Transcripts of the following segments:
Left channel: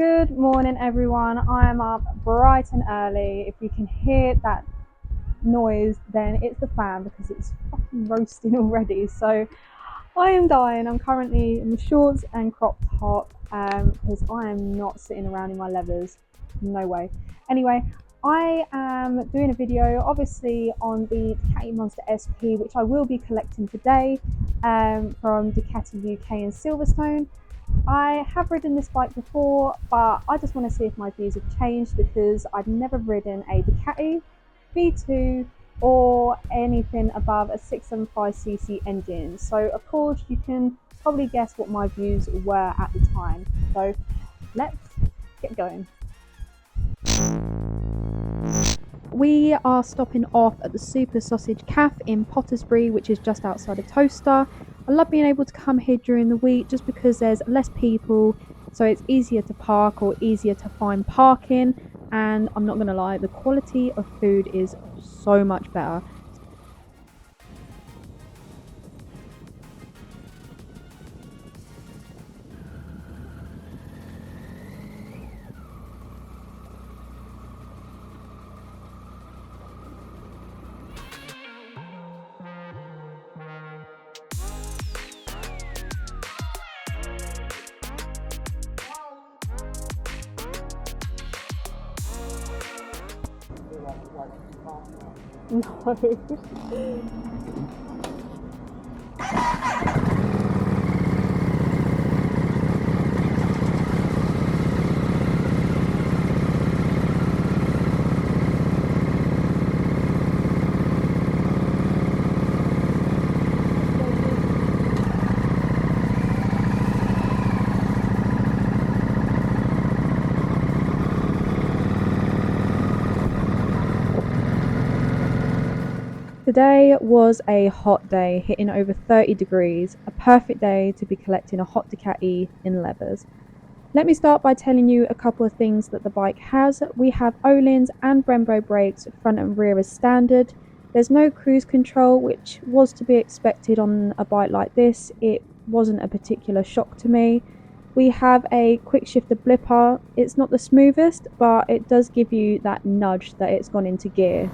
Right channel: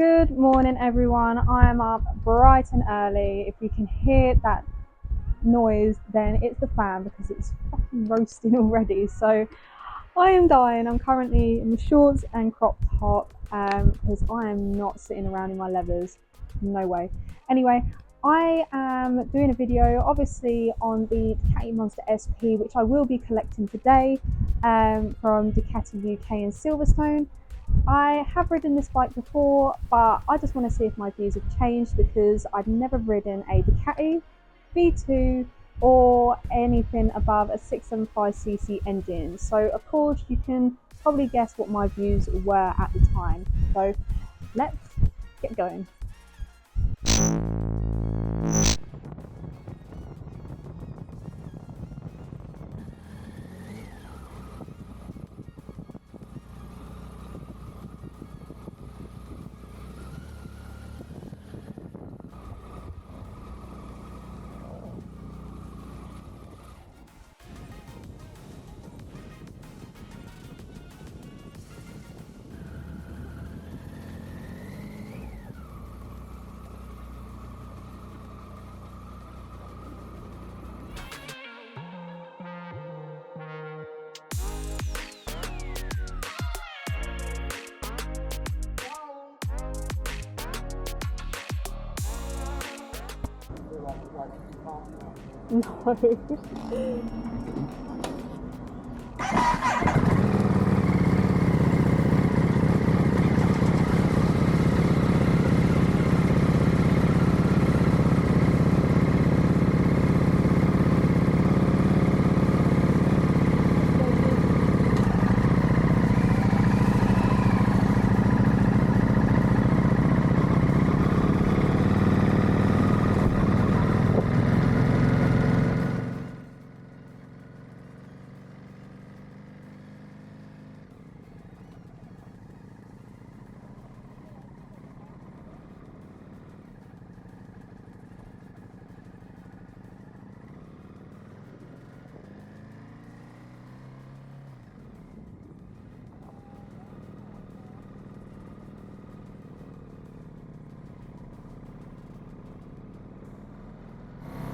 Good morning, everyone. I am up bright and early. If you can hear that noise, then it's the fan because it's fucking roasting already. So I am dying. I'm currently in my shorts and crop top because I am not sitting around in my leathers. No way. Anyway, I am doing a video obviously on the Ducati Monster SP, which I will be collecting today from Ducati UK in Silverstone. I have ridden this bike before, but I just want to see if my views have changed because I've never ridden a Ducati V2 or anything above a 675cc engine. So of course you can probably guess what my views were at the time. So let's get going. We are stopping off at the Super Sausage Cafe in Pottersbury, which is just outside of Towcester. I love being able to come here during the week just because there's less people, so it's easier to park or easier to find parking. And I'm not going to lie, the quality of food is so much better. No. Today was a hot day, hitting over 30 degrees, a perfect day to be collecting a hot Ducati in leathers. Let me start by telling you a couple of things that the bike has. We have Öhlins and Brembo brakes front and rear as standard. There's no cruise control, which was to be expected on a bike like this. It wasn't a particular shock to me. We have a quick shifter blipper. It's not the smoothest, but it does give you that nudge that it's gone into gear.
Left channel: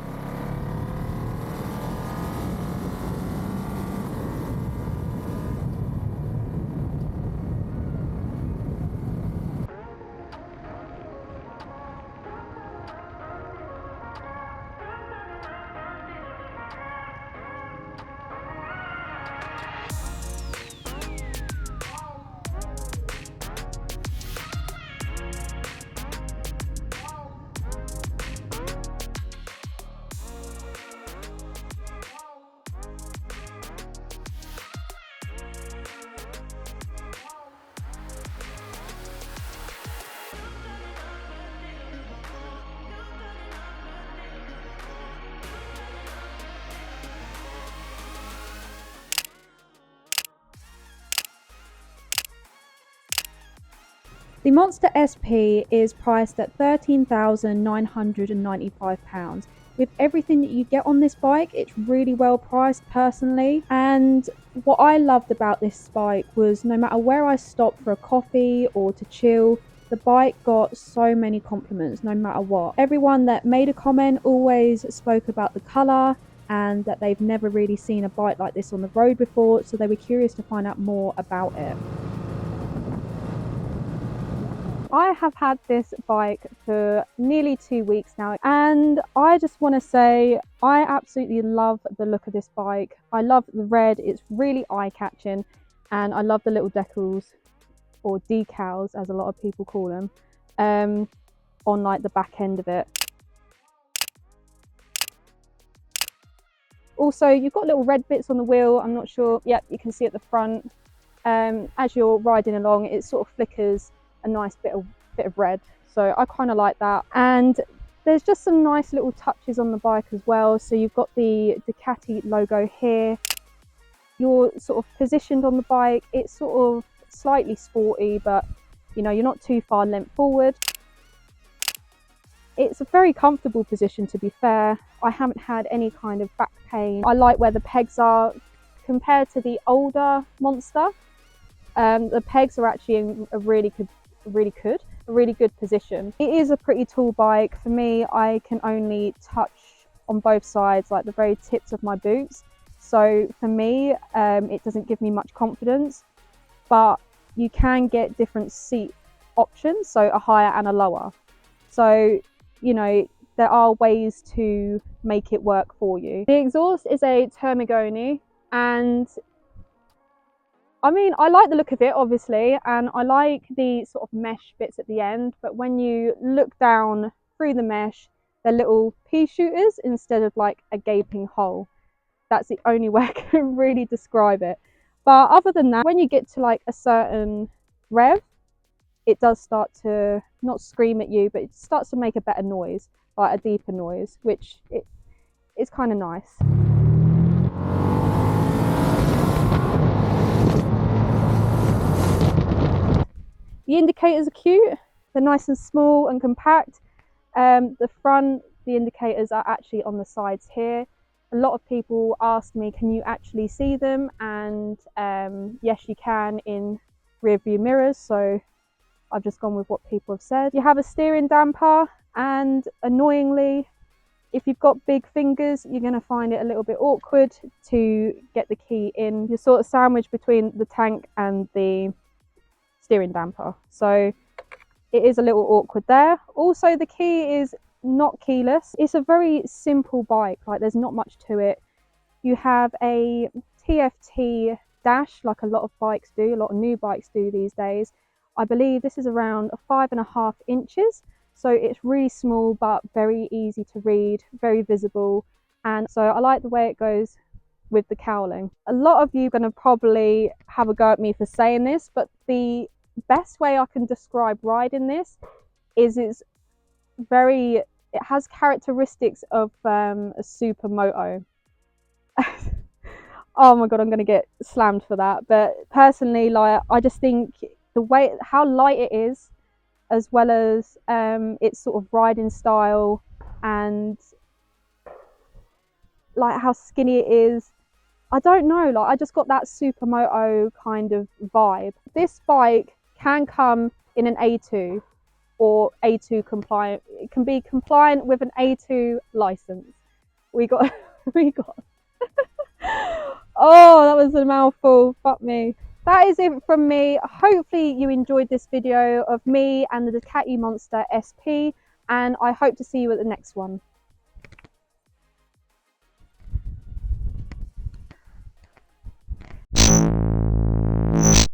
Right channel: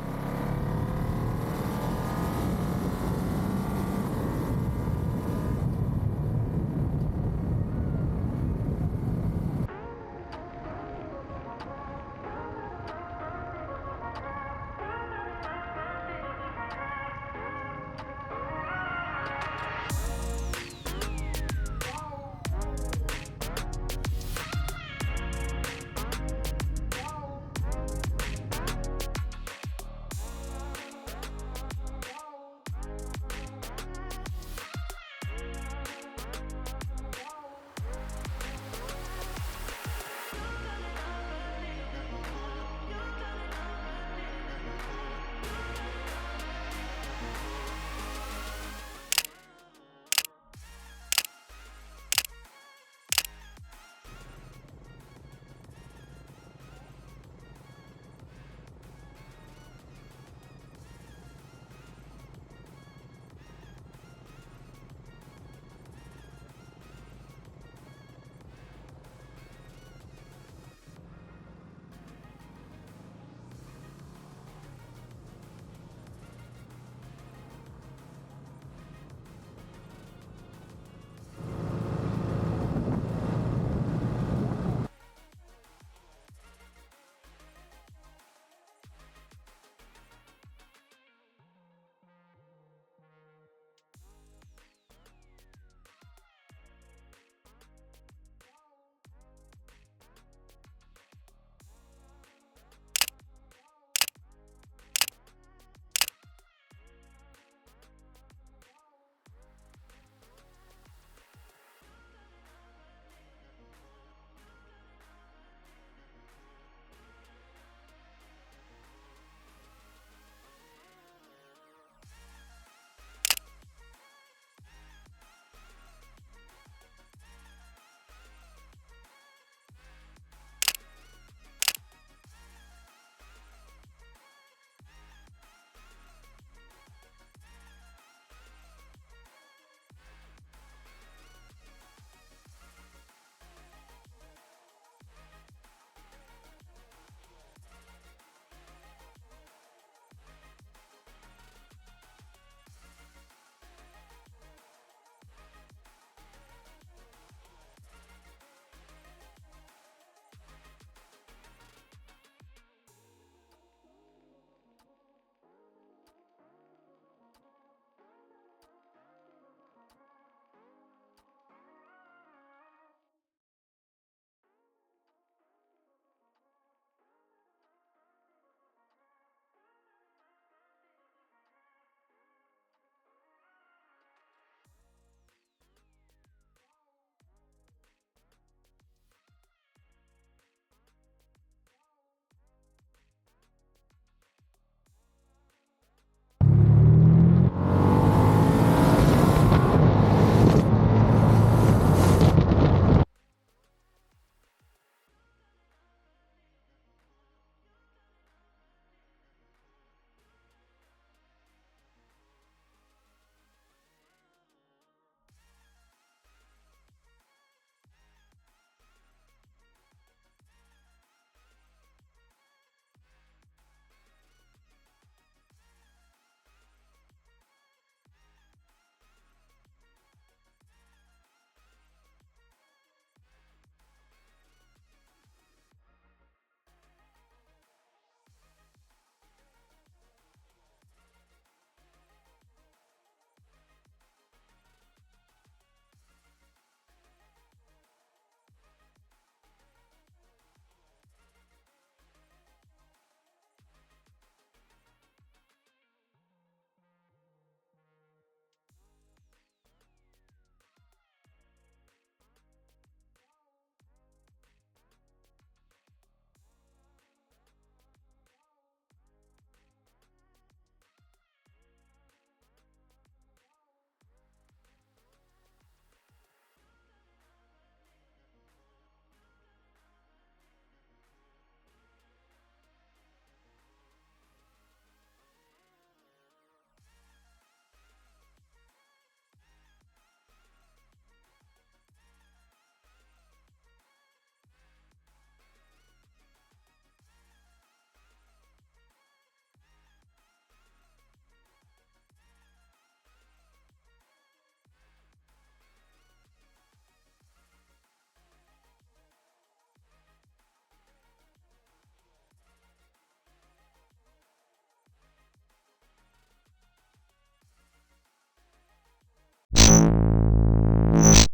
The Monster SP is priced at £13,995. With everything that you get on this bike, it's really well priced personally. And what I loved about this bike was no matter where I stopped for a coffee or to chill, the bike got so many compliments no matter what. Everyone that made a comment always spoke about the colour and that they've never really seen a bike like this on the road before, so they were curious to find out more about it. I have had this bike for nearly 2 weeks now, and I just want to say I absolutely love the look of this bike. I love the red, it's really eye-catching, and I love the little decals, or decals as a lot of people call them, on like the back end of it. Also, you've got little red bits on the wheel. I'm not sure, yep, you can see at the front. As you're riding along, it sort of flickers a nice bit of red, so I kind of like that. And there's just some nice little touches on the bike as well. So you've got the Ducati logo here. You're sort of positioned on the bike. It's sort of slightly sporty, but you know, you're not too far leant forward. It's a very comfortable position, to be fair. I haven't had any kind of back pain. I like where the pegs are compared to the older Monster. The pegs are actually really good. a really good position. It is a pretty tall bike. For me, I can only touch on both sides, like the very tips of my boots. So for me, it doesn't give me much confidence, but you can get different seat options, so a higher and a lower. So, you know, there are ways to make it work for you. The exhaust is a Termagoni, and I mean, I like the look of it, obviously, and I like the sort of mesh bits at the end, but when you look down through the mesh, they're little pea shooters instead of like a gaping hole. That's the only way I can really describe it. But other than that, when you get to like a certain rev, it does start to not scream at you, but it starts to make a better noise, like a deeper noise, which it's kind of nice. The indicators are cute. They're nice and small and compact. The front, the indicators are actually on the sides here. A lot of people ask me, can you actually see them? And yes, you can in rear view mirrors. So I've just gone with what people have said. You have a steering damper, and annoyingly, if you've got big fingers, you're going to find it a little bit awkward to get the key in. You're sort of sandwiched between the tank and the steering damper. So it is a little awkward there. Also, the key is not keyless. It's a very simple bike, like there's not much to it. You have a TFT dash, like a lot of bikes do, a lot of new bikes do these days. I believe this is around 5.5 inches, so it's really small but very easy to read, very visible, and so I like the way it goes with the cowling. A lot of you are going to probably have a go at me for saying this, but the best way I can describe riding this is it has characteristics of a supermoto. Oh my god, I'm gonna get slammed for that, but personally, like, I just think the way how light it is, as well as its sort of riding style, and like how skinny it is, I don't know, like I just got that supermoto kind of vibe. This bike can come in an A2 or A2 compliant. It can be compliant with an A2 license. We got oh, that was a mouthful, fuck me. That is it from me. Hopefully you enjoyed this video of me and the Ducati Monster SP, and I hope to see you at the next one.